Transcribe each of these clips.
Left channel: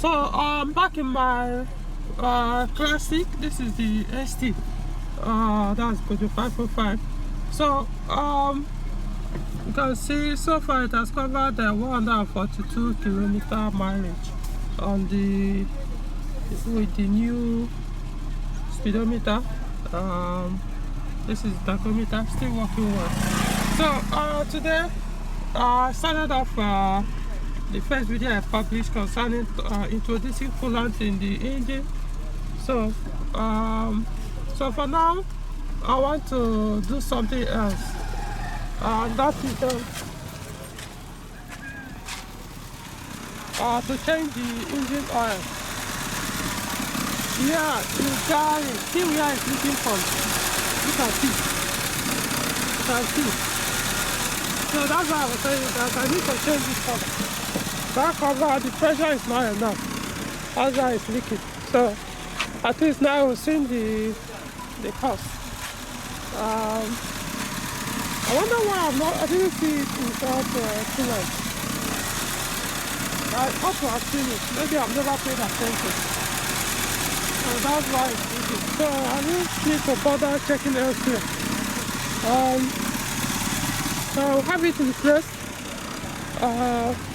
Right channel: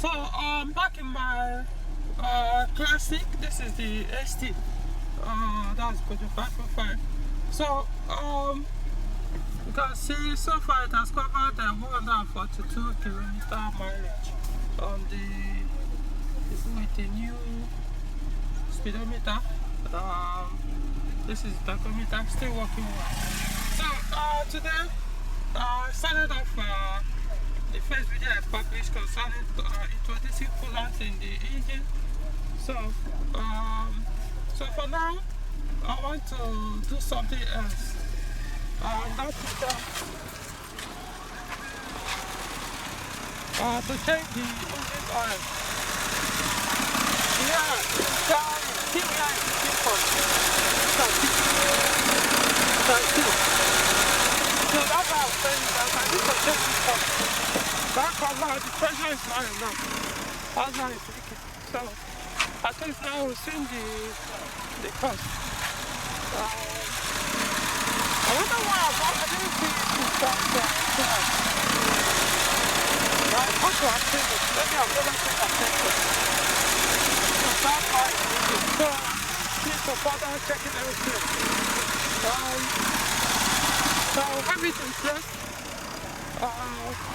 So back in my classic, this is the ST. That's Peugeot 505. So you can see so far it has covered 142 kilometer mileage on the with the new speedometer. This is the tachometer, still working well. So today I started off the first video I published concerning introducing coolant in the engine. So so for now I want to do something else. That is to change the engine oil. Yeah, see where it's leaking from. You can see. You can see. So that's why I was saying that I need to change this cover. That cover, the pressure is not enough. That's why it's leaking. So at least now we'll see the cost. I wonder why I didn't see it without coolant. I ought to have seen it. Maybe I've never paid attention. So that's why it's leaking. So I don't need to bother checking elsewhere. So I'll have it in place.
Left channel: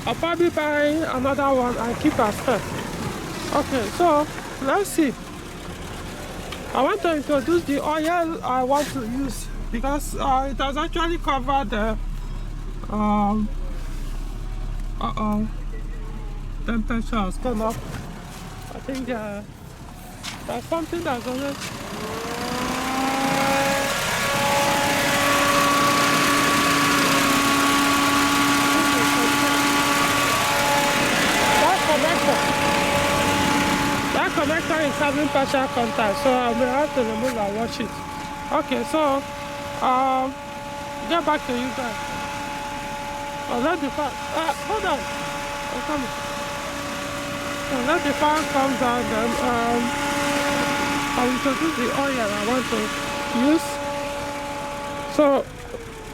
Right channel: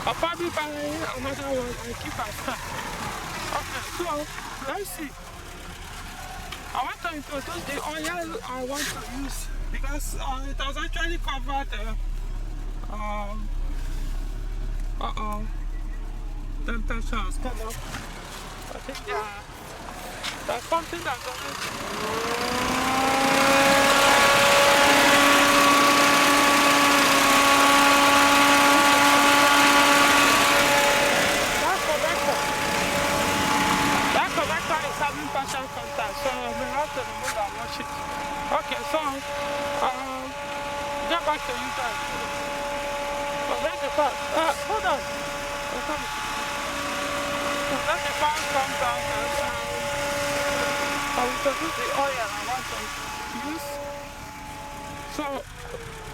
I'll probably buy another one and keep as first. Okay, so let's see. I want to introduce the oil I want to use because it has actually covered the temperature has gone up. I think there's something that's on it. That connector is having partial contact, so I will have to remove and wash it. Okay, so get back to you guys. Let the fan, hold on. I'm coming. So let the fan come down, then I will introduce the oil I want to use. So,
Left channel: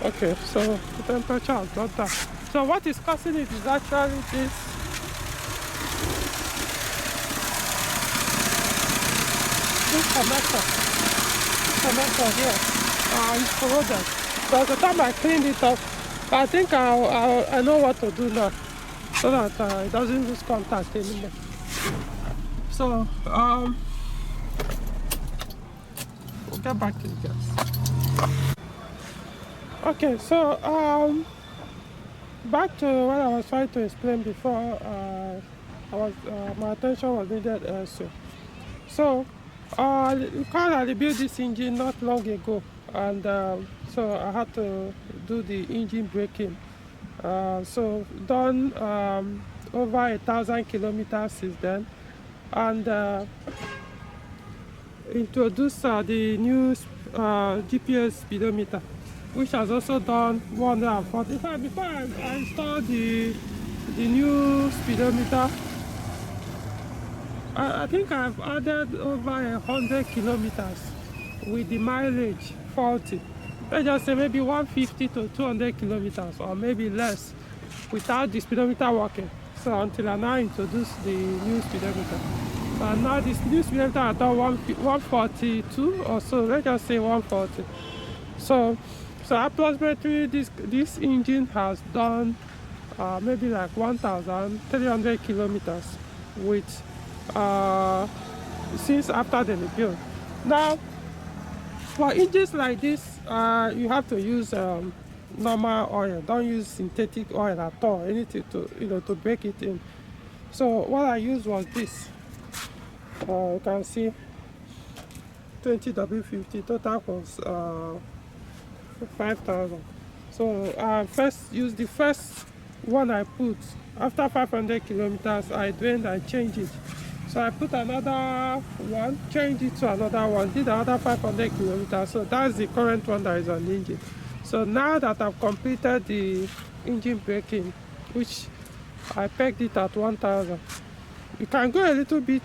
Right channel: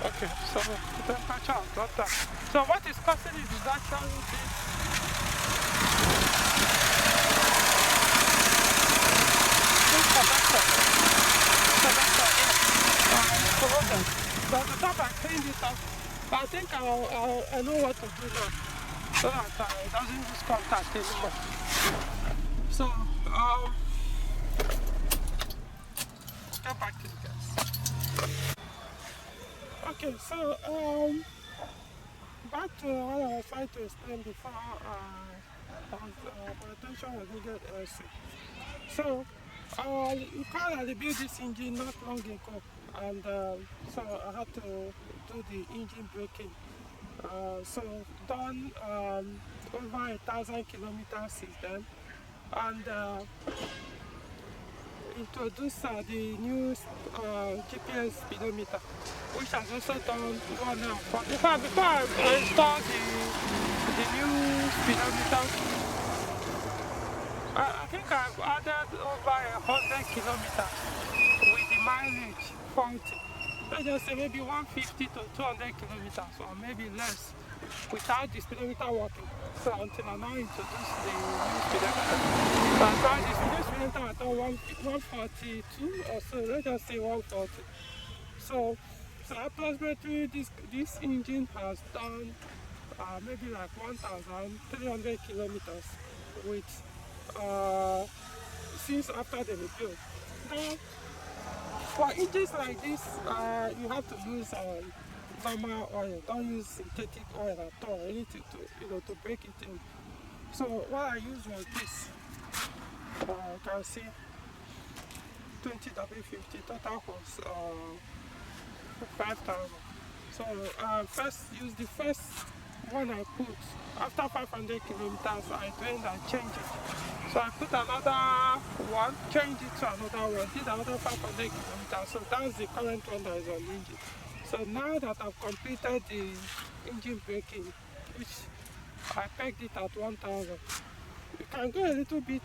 okay, so the temperature has got that. So what is causing it is actually this. This connector here is corroded. By the time I cleaned it up, I think I know what to do now, so that it doesn't lose contact anymore. So we'll get back to you guys. Okay, so back to what I was trying to explain before. My attention was needed elsewhere. So because I rebuilt this engine not long ago, and so I had to do the engine braking. So done over 1,000 kilometers since then, and introduced the new GPS speedometer, which has also done 140. In fact, before I installed the new speedometer, I think I've added over 100 kilometers with the mileage 40. Let's just say maybe 150 to 200 kilometers, or maybe less, without the speedometer working. So until I now introduce the new speedometer. And now this new speedometer has done 142 or so. Let's just say 140. So approximately this engine has done maybe like 1,300 kilometers with since after the rebuild. Now, for engines like this, you have to use normal oil. Don't use synthetic oil at all. Anything to break it in. So what I used was this. You can see 10W-40. Total was 5,000. So I first used the first one I put. After 500 kilometers, I drained and changed it. So I put another one, changed it to another one, did another 500 kilometers. So that's the current one that is on the engine. So now that I've completed the engine braking, which I pegged it at 1,000, you can go a little bit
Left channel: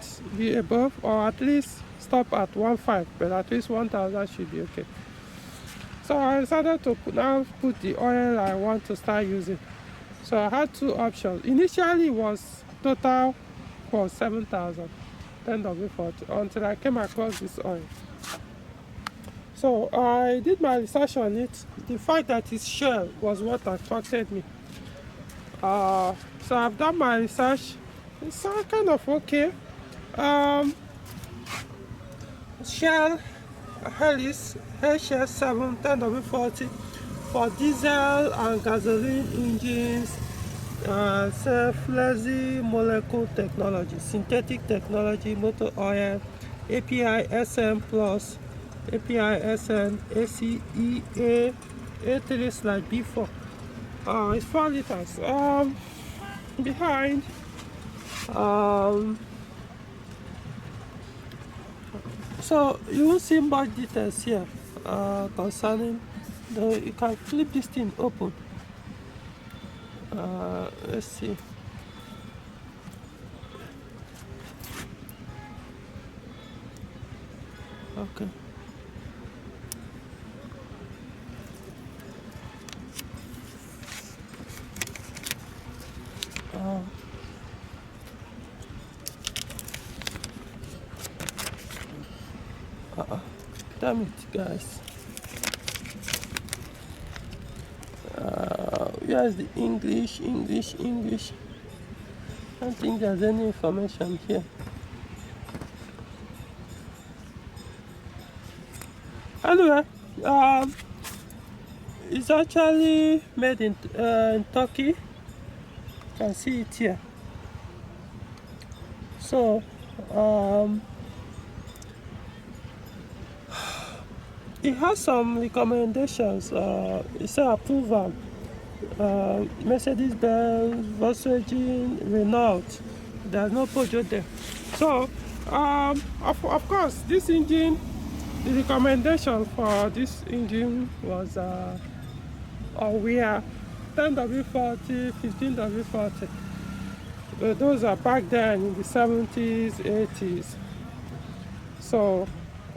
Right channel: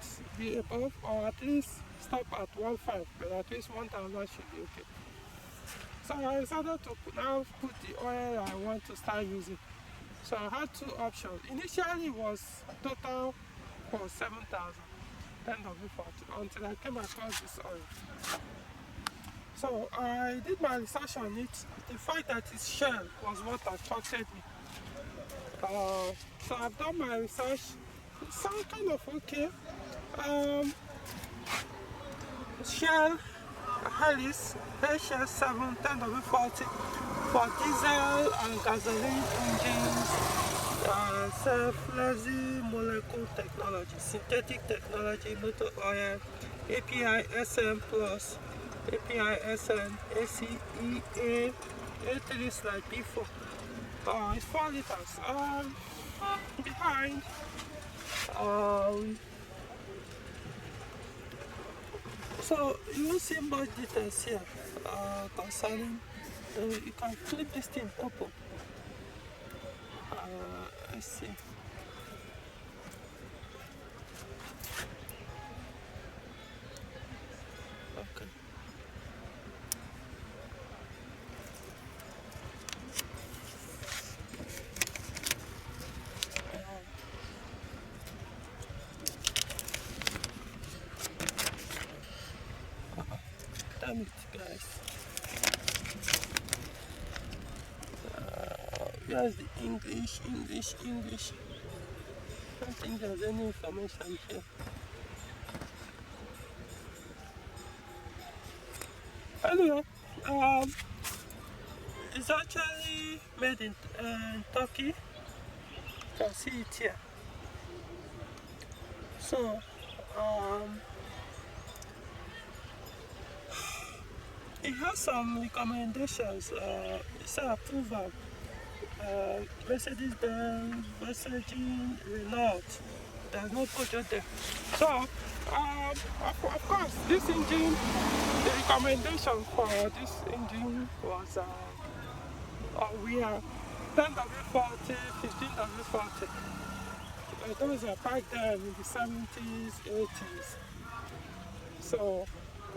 above, or at least stop at 1.5, but at least 1,000 should be okay. So I decided to now put the oil I want to start using. So I had two options. Initially it was total for 7,000, 10W-40, until I came across this oil. So I did my research on it. The fact that it's Shell was what attracted me. So I've done my research. It's kind of okay. Shell Helix HX7 10W-40 for diesel and gasoline engines, self-lazy molecule technology, synthetic technology, motor oil, API SN plus, API SN, ACEA, A3/B4. It's 4 liters. Behind, so you will see more details here concerning you can flip this thing open. Let's see. Okay. Damn it, guys. Here's the English. I don't think there's any information here. Anyway, it's actually made in Turkey. You can see it here. So, it has some recommendations. It's an approval. Mercedes-Benz, Volkswagen, Renault. There's no Peugeot there. So, of course, this engine, the recommendation for this engine was we are 10W-40, 15W-40. Those are back then in the 70s, 80s. So,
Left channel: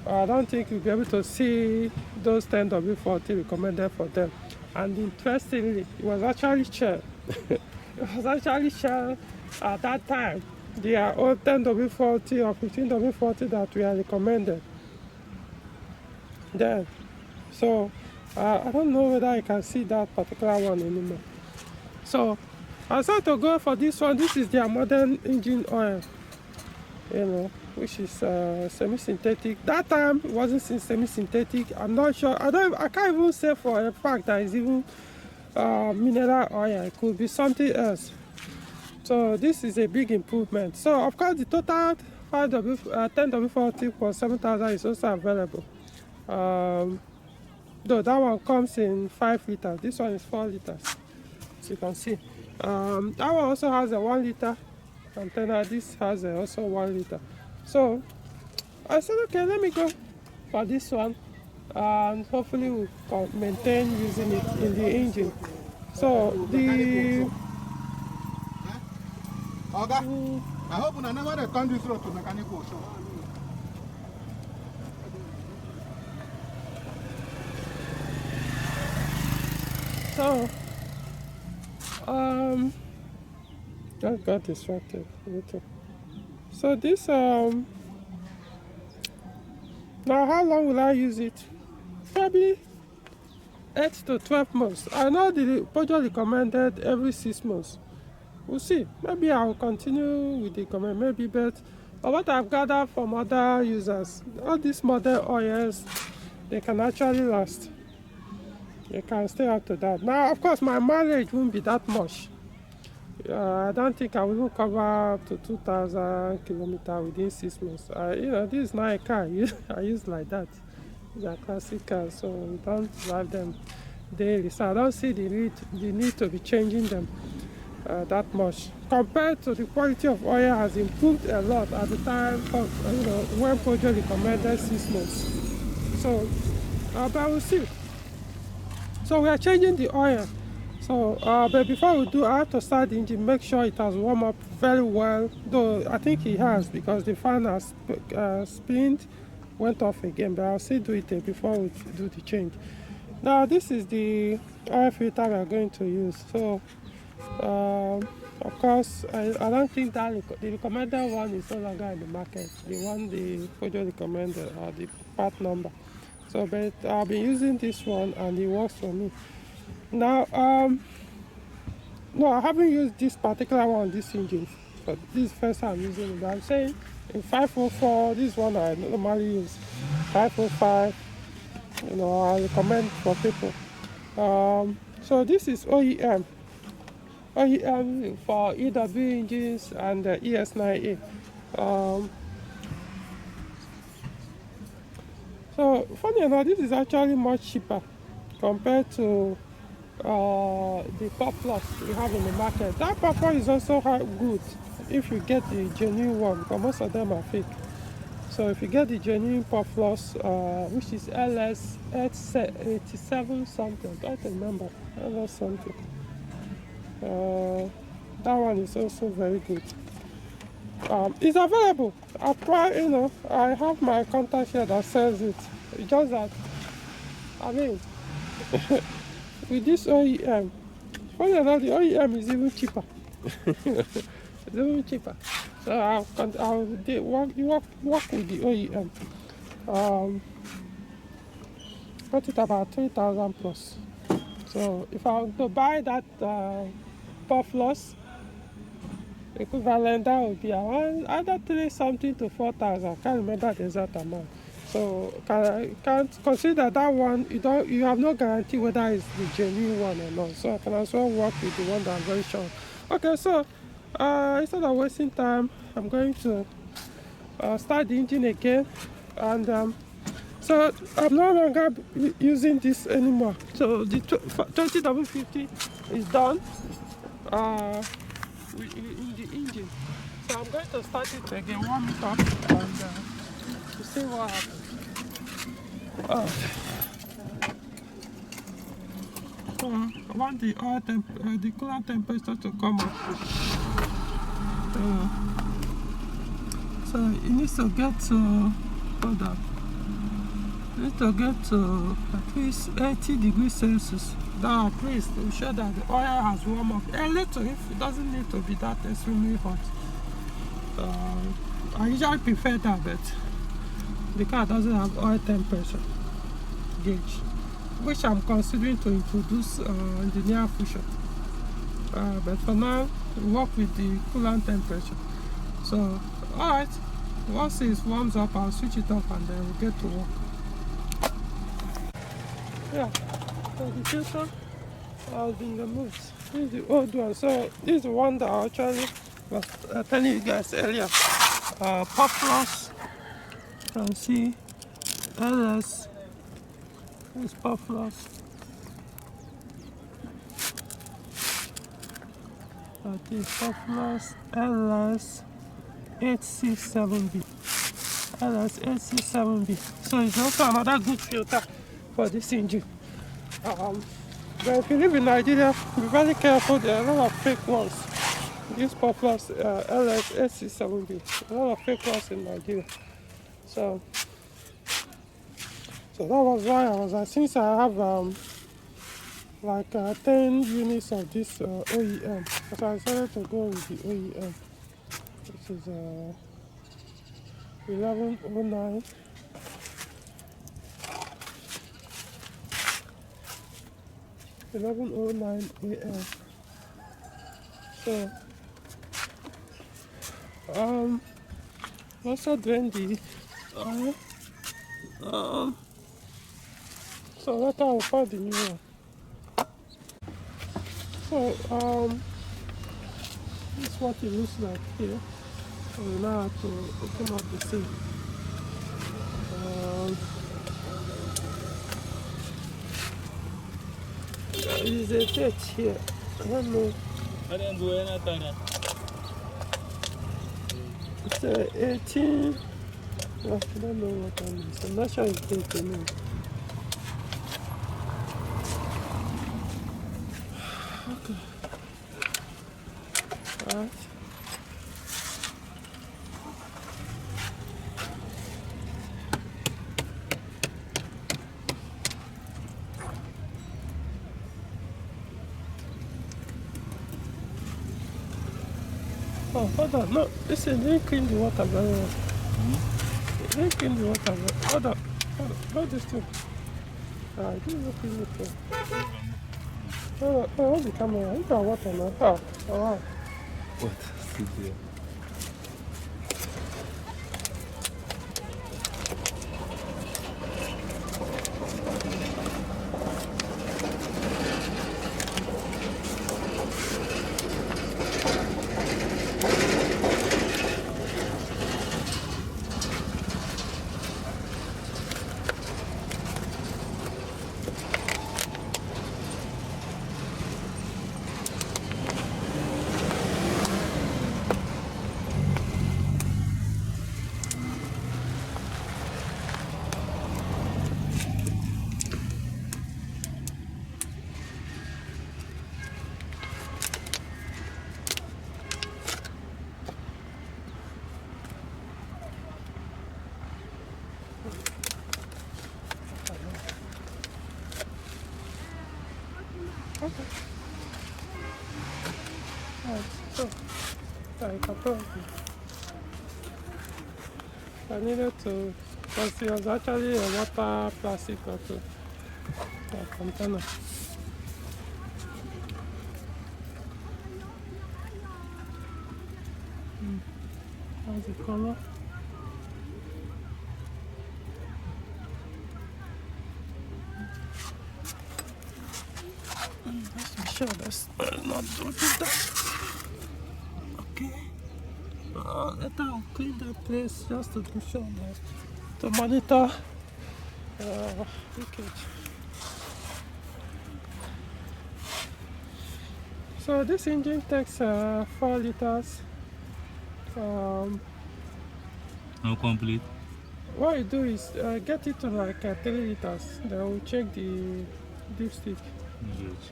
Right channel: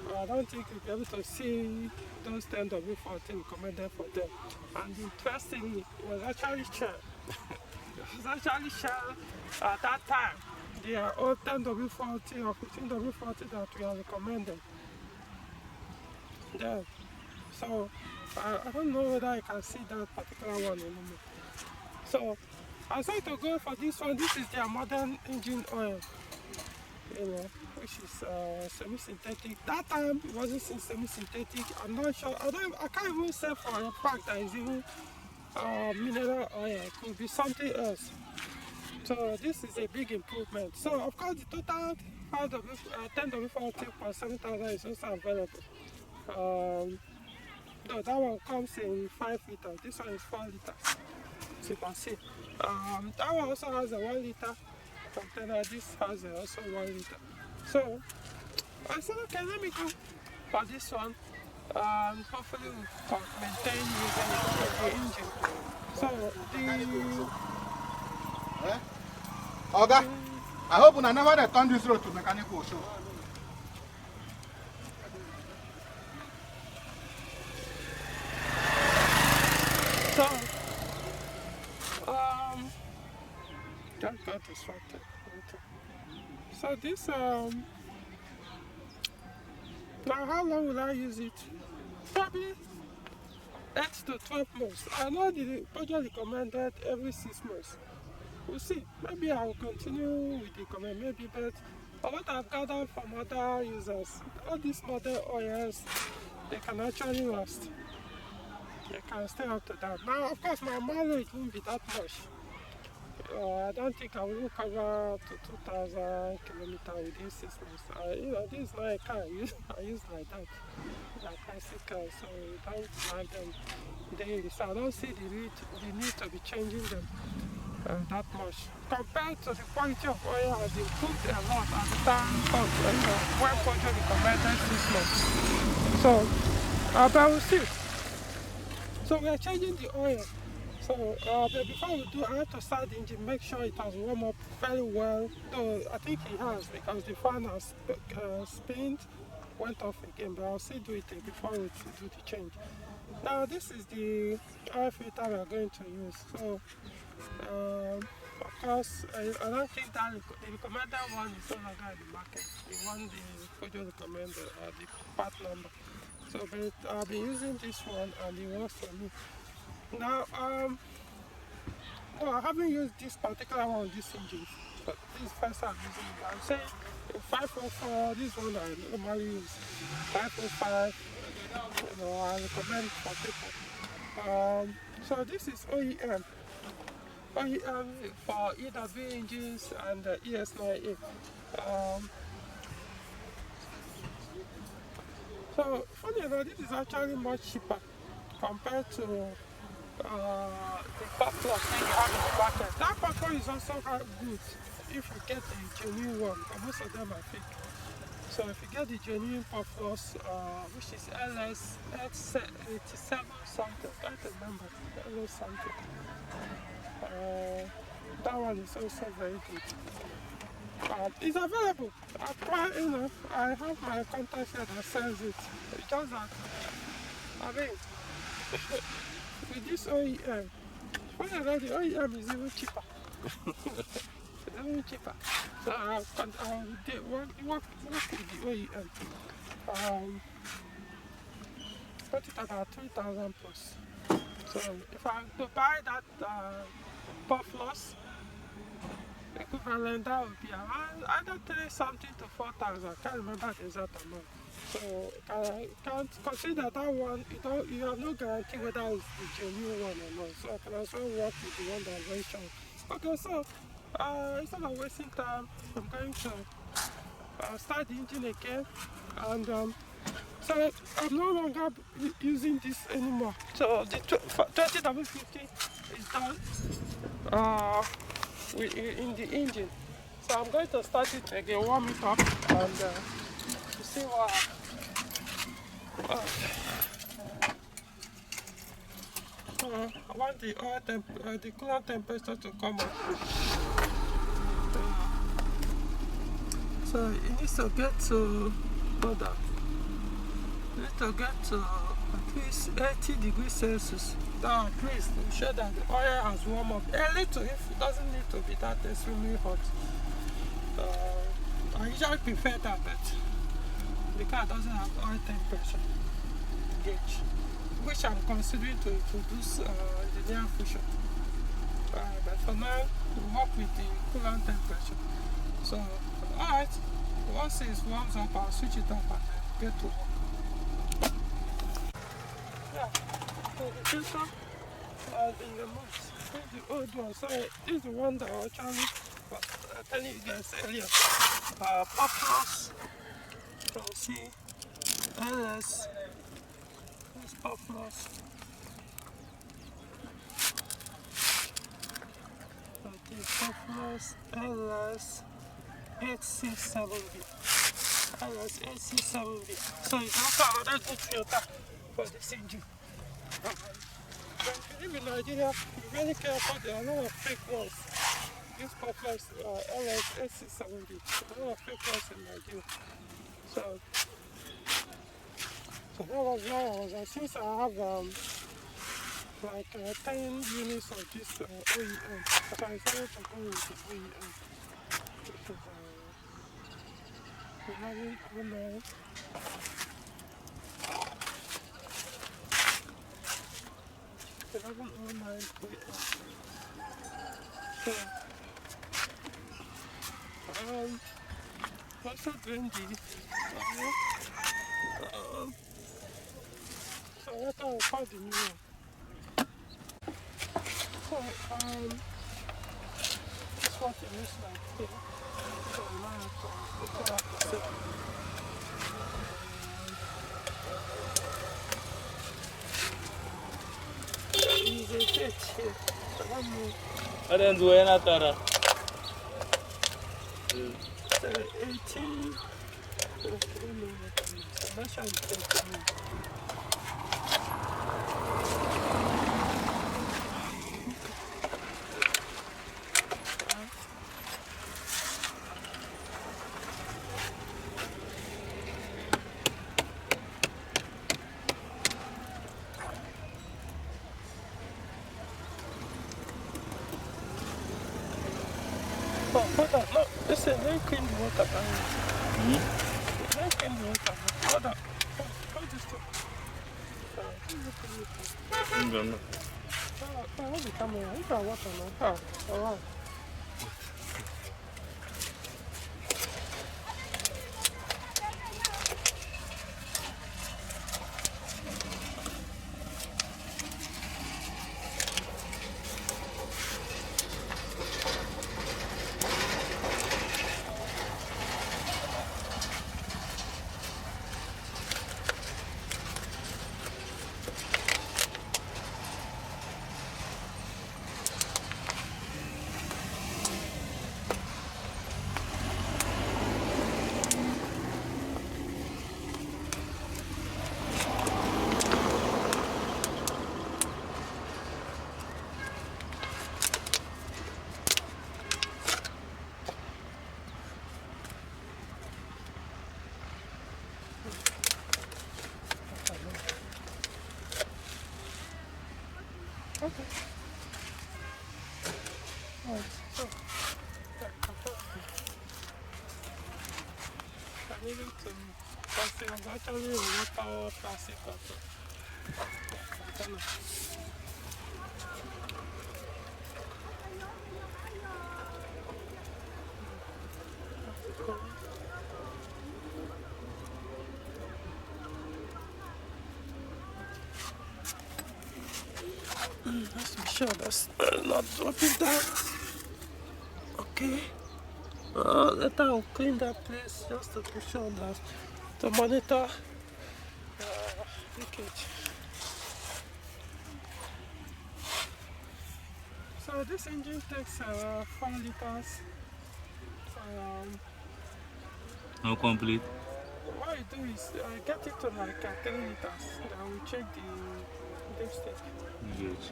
I don't think you'll be able to see those 10W-40 recommended for them. And interestingly, it was actually Shell. It was actually Shell at that time. They are all 10W-40 or 15W-40 that we are recommended then. So I don't know whether I can see that particular one anymore. So I decided to go for this one. This is their modern engine oil, you know, which is semi-synthetic. That time it wasn't semi-synthetic. I'm not sure. I can't even say for a fact that it's even mineral oil. It could be something else. So this is a big improvement. So of course the total 10W-40 for 7,000 is also available. Though that one comes in 5 liters. This one is 4 liters. So you can see. That one also has a 1 liter container. This has also 1 liter. So I said, okay, let me go for this one, and hopefully we'll maintain using it in the engine. So I hope I never return this road to mechanical show. So just got distracted. So this now how long will I use it? Probably 8 to 12 months. I know the Peugeot recommended every 6 months. We'll see. Maybe I'll continue with the comment. Maybe, but what I've gathered from other users, all these modern oils, they can actually last. They can stay up to that. Now, of course, my mileage won't be that much. I don't think I will even cover up to 2,000 kilometers within 6 months. You know, this is not a car I use like that. These are classic cars, so we don't drive them daily. So I don't see the need to be changing them that much. Compared to the quality of oil has improved a lot at the time of, when Peugeot recommended 6 months. So, but we'll see. So we are changing the oil. So, but before we do, I have to start the engine, make sure it has warmed up very well. Though I think it has, because the fan has spinned, went off again. But I'll still do it before we do the change. Now this is the oil filter we are going to use. So Of course, I don't think that the recommended one is no longer in the market. The one the Peugeot recommended or the part number. So, but I've been using this one and it works for me. Now, no, I haven't used this particular one, this engine, but this is the first time I'm using it. But I'm saying in 504, this one I normally use. 505, I recommend for people. So this is OEM. OEM for EW engines and ES9A. So funny enough, this is actually much cheaper compared to the pop plus you have in the market. That pop one is also good if you get the genuine one, because most of them are fake. So if you get the genuine pop plus, which is LS 87 something, I can't remember, LS something. That one is also very good. It's available. I have my contact here that sells it. It's just that, with this OEM, funny enough, the OEM is even cheaper. It's even cheaper. So I'll work with the OEM. Got it about 3,000 plus. So if I were to buy that puff loss equivalent, that would be around either 3 something to 4,000. I can't remember the exact amount. So can't consider that one. You have no guarantee whether it's the genuine one or not. So I can as well work with the one that I'm very sure. Okay, so instead of wasting time, I'm going to start the engine again, and so I'm no longer using this anymore. So the 20W-40 is done in the engine. So I'm going to start it again, warm it up, and to see what happens. I want the the coolant temperature to come up. So it needs to get to at least 80 degrees Celsius. That at least to show that the oil has warmed up a little. If it doesn't need to be that extremely hot. I usually prefer that, but the car doesn't have oil temperature gauge, which I'm considering to introduce in the near future. But for now, we work with the coolant temperature. So, alright, once it warms up, I'll switch it off and then we'll get to work. Yeah, so the filter has been removed. This is the old one. So, this is the one that I actually was telling you guys earlier. Pop loss, you can see LS. This pop loss. That is pop loss LS 867B. LS 867B. So it's also another good filter for this engine. But if you live in Nigeria, be very careful. There are a lot of fake ones. This pop loss LS 867B. A lot of fake ones in Nigeria. So that was why I was like, since I have like 10 units of this OEM, so I decided to go with the OEM, which is 1109. 1109 AM. So also doing the so later I'll find the new one. So this is what it looks like here. So now I have to open up the thing. There is a date here. I don't know. I didn't do anything. It's 18. I don't know what that is. I'm not sure it's 18 now. hold on. No, listen, they clean the water very well. They clean the water very well. Hold on. Hold this too. Give me clean the thing. Hold the camera. You got water now. Oh, wow. What? Okay. Alright, so I needed to, because it was actually a water plastic also, a container. How's the color? Let's be sure that's not dropping down. Okay. Later I'll clean that place just to be sure that to monitor leakage. So this engine takes 4 liters. No complete. What you do is get it to like 3 liters. Then we'll check the dipstick. Yes.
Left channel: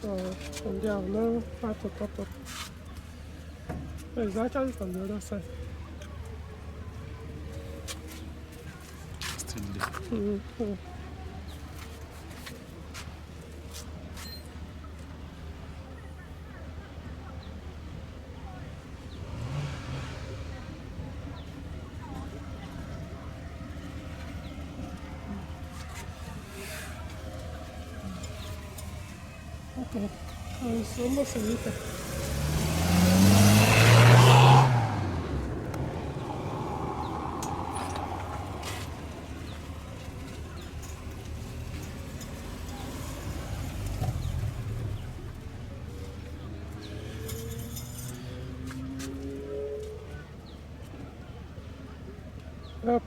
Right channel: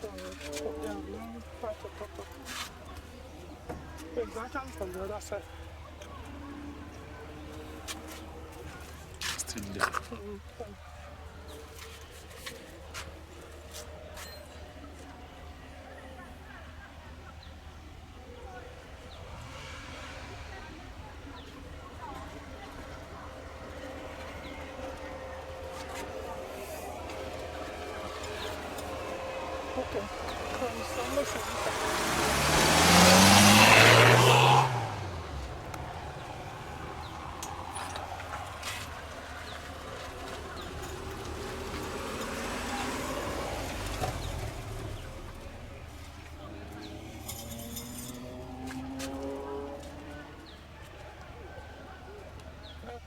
So from there I'll know how to top up. So it's actually from the other side. Still there. Okay, it's almost a liter.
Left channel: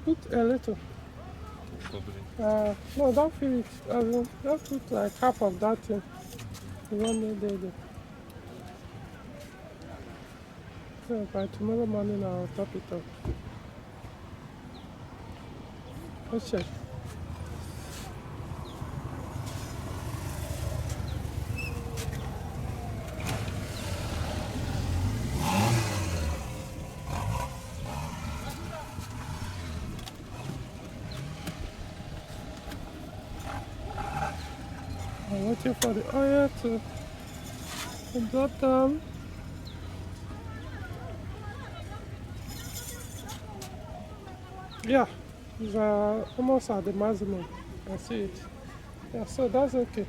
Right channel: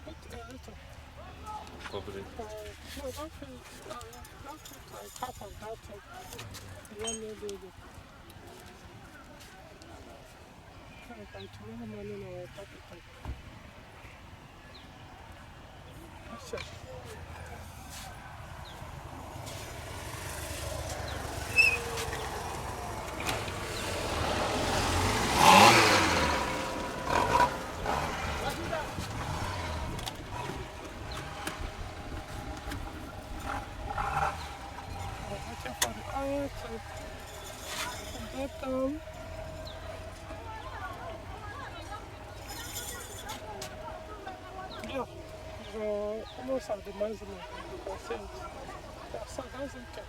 Put a little. No, don't fill it. Don't put like half of that thing. You won't need it. So by tomorrow morning I'll top it up. Let's check. I'm waiting for the oil to drop down. Yeah, it's almost at the maximum. I see it. Yeah, so that's okay.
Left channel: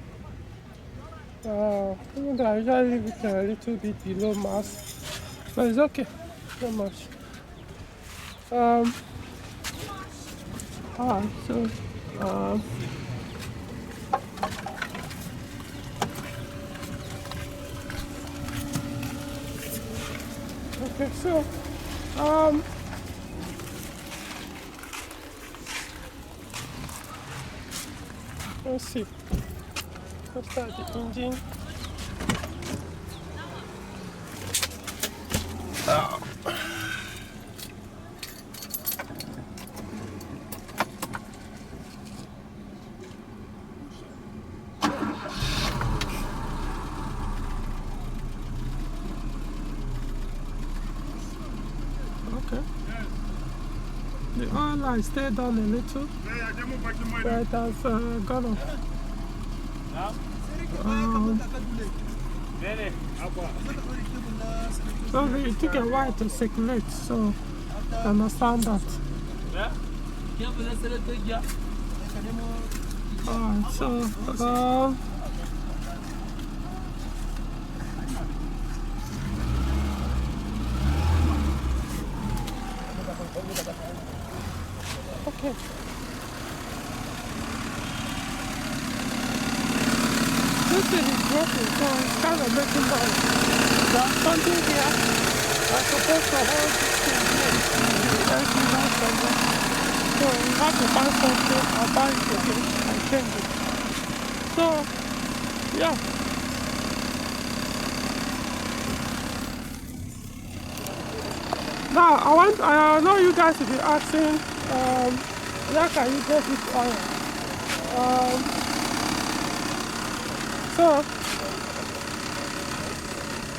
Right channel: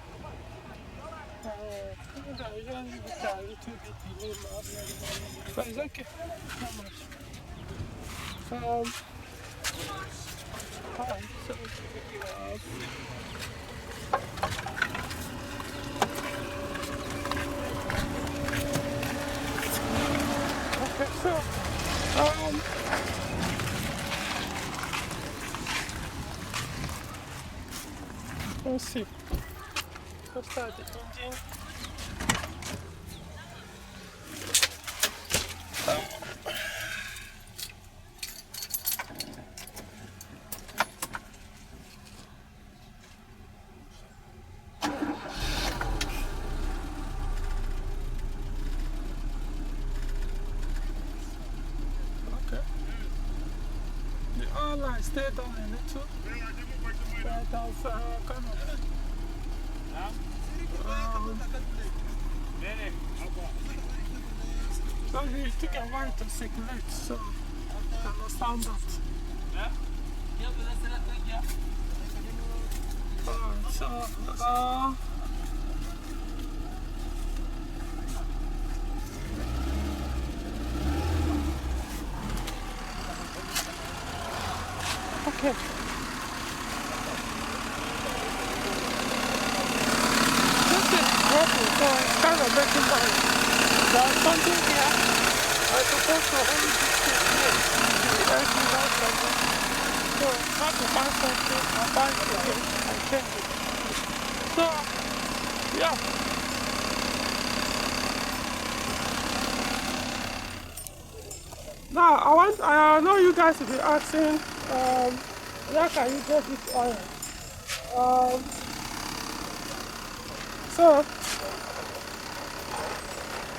Even though I usually leave it a little bit below mass, but it's okay. Not much. Alright, so okay, so let's see. Let's start the engine. Okay. The oil line stayed down a little, but it has gone off. So it took a while to circulate, so I understand that. Alright, so okay. This thing is broken, so it's kind of making noise. There's something here. I'm supposed to hold this thing here. So we have to find something and buy it again and change it. So, yeah. Now, I know you guys will be asking, where can you get this oil? So,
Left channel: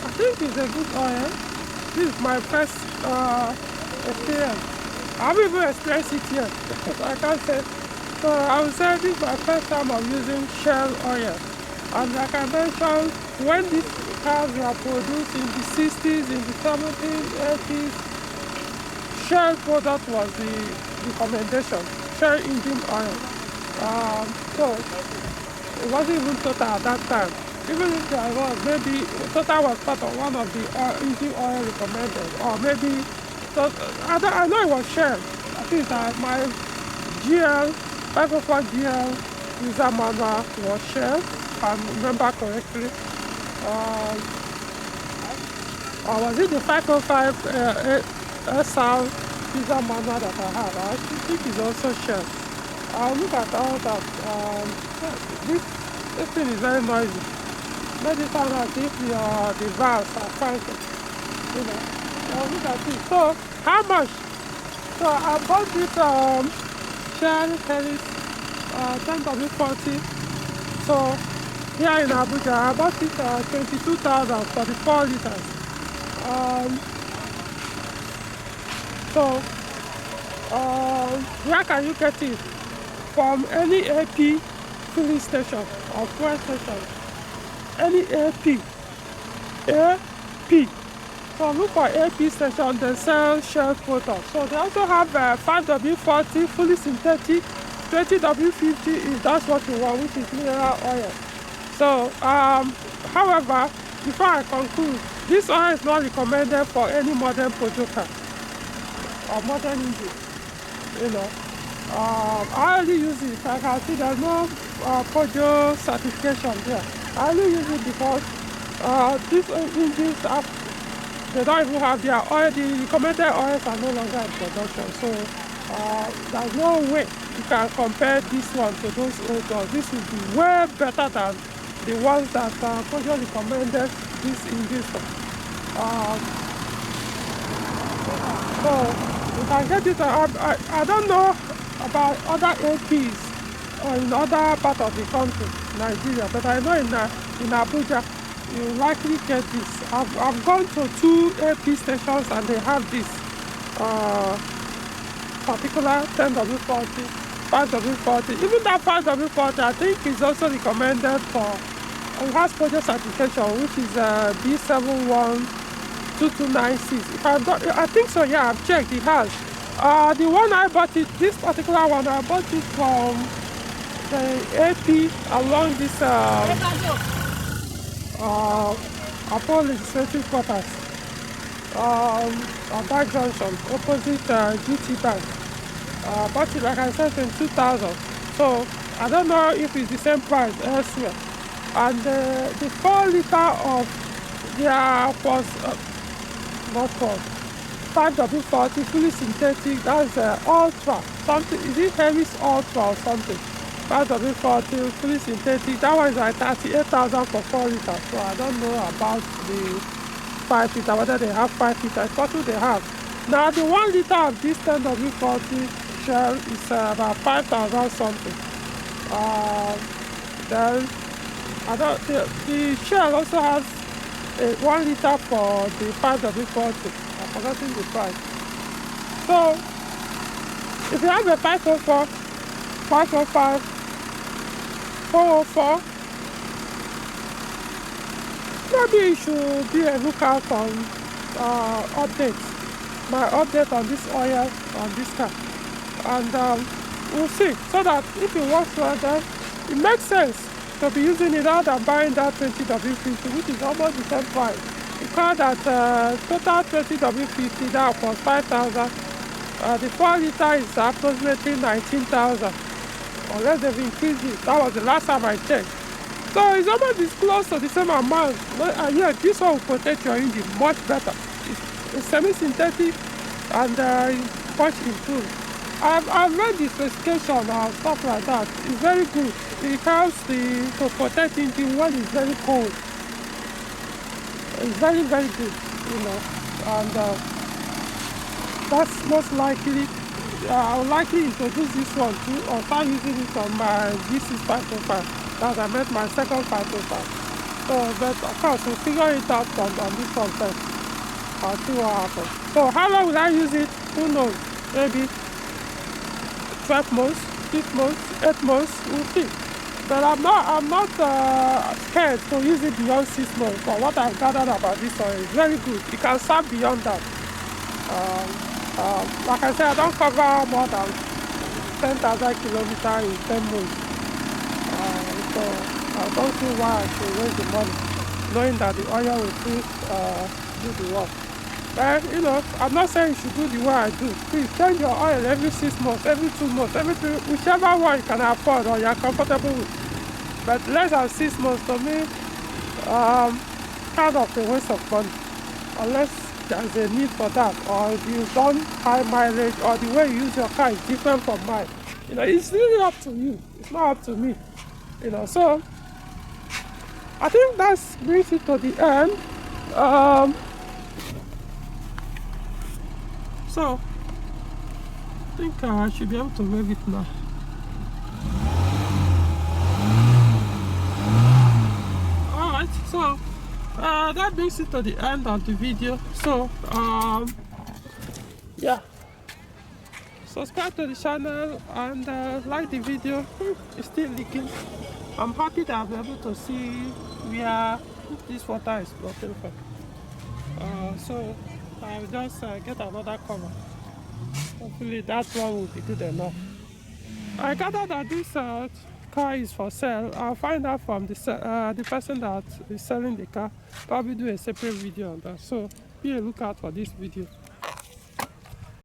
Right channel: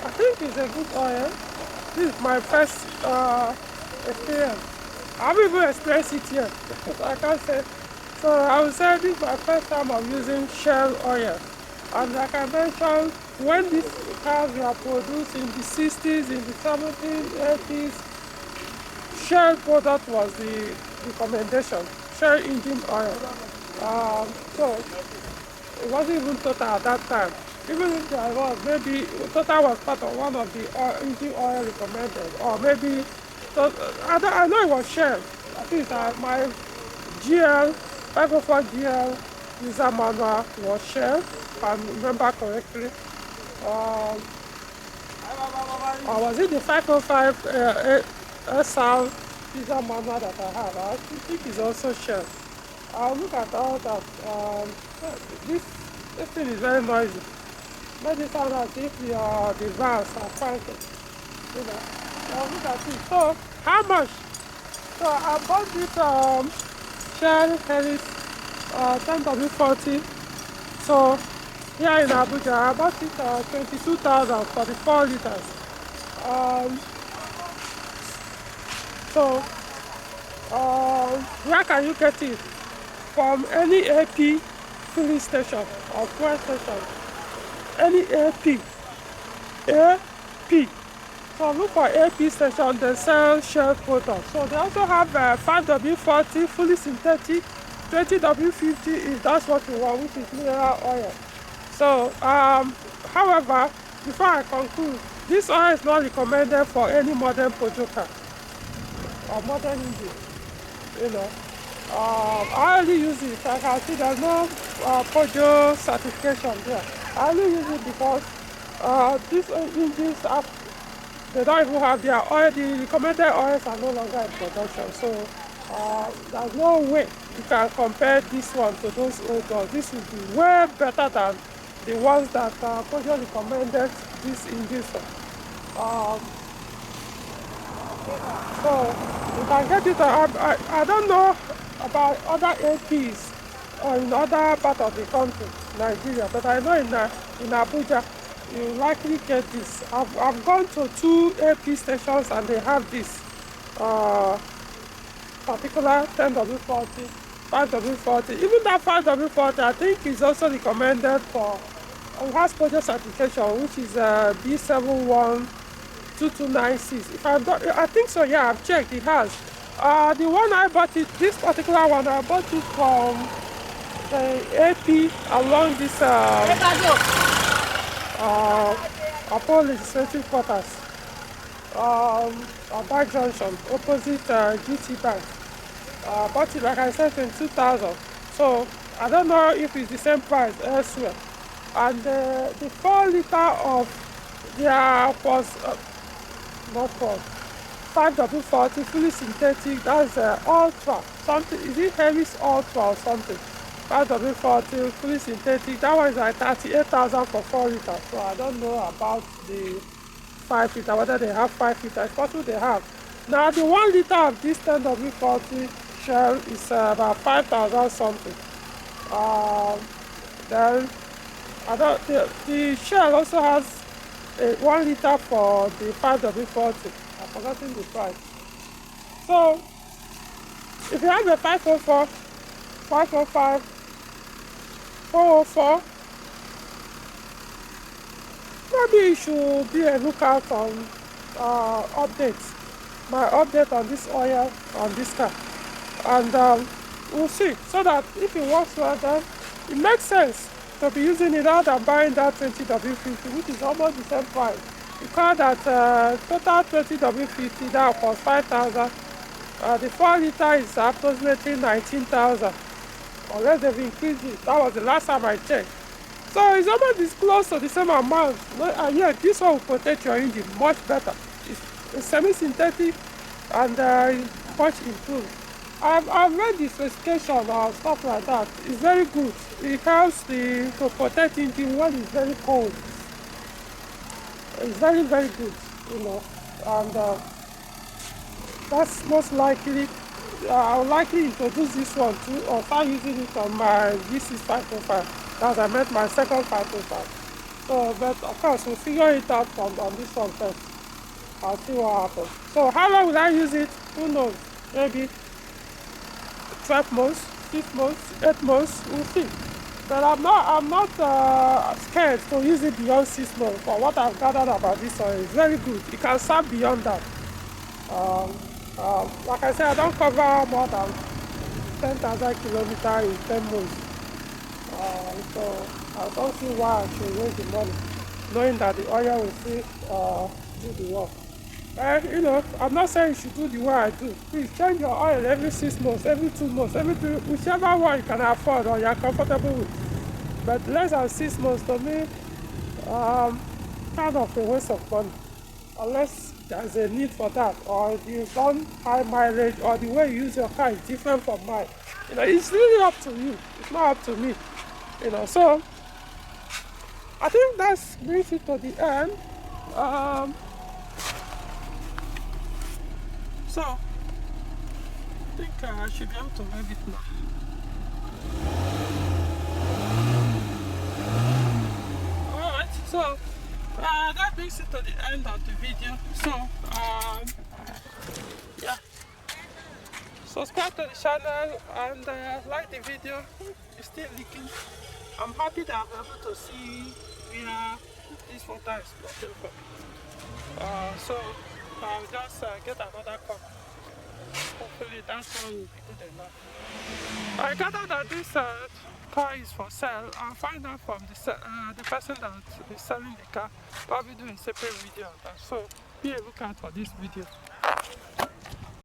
I think it's a good oil. This is my first experience. I haven't even experienced it yet, so I can't say. So I would say this is my first time of using Shell oil. And like I mentioned, when these cars were produced in the 60s, in the 70s, 80s, Shell product was the recommendation, Shell engine oil. So it wasn't even Total at that time. Even if there was, maybe Total was part of one of the engine oil recommended, or maybe, I know it was Shell. I think that my GL, 504 GL user manual was Shell, if I remember correctly. Or was it the 505 SR user manual that I have? I think it's also Shell. I'll look at all that. This thing is very noisy. Maybe find out if the valves are cranking. You know, I'll look at it. So, how much? So, I bought this Shell Helix 10W-40. So, here in Abuja, I bought it 22,000 for the 4 liters. Where can you get it? From any AP filling station or fuel station. Any AP. So look for AP station, they sell Shell products. So they also have 5W-40 fully synthetic, 20W-50 if that's what you want, which is mineral oil. So, however, before I conclude, this oil is not recommended for any modern Peugeot car or modern engine. You know, I only use it. I can see there's no Peugeot certification there. I only use it because these engines they don't even have their oil. The recommended oils are no longer in production. So there's no way you can compare this one to those old ones. This will be way better than the ones that Peugeot recommended this engine for. So you can get it. I don't know about other APs or in other part of the country, Nigeria, but I know in Abuja you likely get this. I've gone to 2 AP stations and they have this particular 10W-40, 5W-40. Even that 5W-40 I think is also recommended for, it has Peugeot certification, which is B712296. I think so, yeah, I've checked, it has. The one I bought it, this particular one, I bought it from the AP along this Opay legislative quarters, Bank Junction, opposite GT Bank. Bought it, like I said, in 2000. So I don't know if it's the same price elsewhere. And the 4 liter of their was not called 5W-40 fully synthetic. That's Ultra something. Is it Helix Ultra or something? 5W-40 fully synthetic. That one is like 38,000 for 4 liters. So I don't know about the 5 liter, whether they have 5 liters. It's possible they have. Now the 1 liter of this 10W-40 Shell is about 5,000 something. Then the Shell also has a 1 liter for the 5W-40. I've forgotten the price. So if you have a 504, 505, 404, maybe you should be a lookout on my update on this oil on this car, and we'll see, so that if it works well, then it makes sense to be using it rather than buying that 20W-40, which is almost the same price. Because that total 20W-40 now for 5,000. The 4 liter is approximately 19,000, unless they've increased it. That was the last time I checked. So it's almost close to the same amount. And yeah, this one will protect your engine much better. It's semi-synthetic and much improved. I've read the specification and stuff like that. It's very good. It helps to protect engine when it's very cold. It's very, very good, you know. And that's most likely, I'll likely introduce this one too, or start using it on my G6 505. As I met my second 505. So, but of course, we'll figure it out on this one first. I'll see what happens. So, how long will I use it? Who knows? Maybe 12 months, 6 months, 8 months. We'll see. But I'm not scared to use it beyond 6 months. For what I've gathered about this one, it's very good. It can serve beyond that. Like I said, I don't cover more than 10,000 kilometers in 10 months. So I don't see why I should waste the money, knowing that the oil will still do the work. But you know, I'm not saying you should do the way I do. Please change your oil every 6 months, every 2 months, whichever one you can afford or you're comfortable with. But less than 6 months to me, kind of a waste of money, unless there's a need for that, or if you don't high mileage, or the way you use your car is different from mine. You know, it's really up to you. It's not up to me. You know, so I think that brings it to the end. So I think I should be able to rev it now. Alright, so that brings it to the end of the video. So yeah, subscribe to the channel and like the video. It's still leaking. I'm happy that I'm able to see where this water is blocking from. So I'll just get another cover. Hopefully that one will be good enough. I gather that this car is for sale. I'll find out from the person that is selling the car. Probably do a separate video on that. So be a lookout for this video.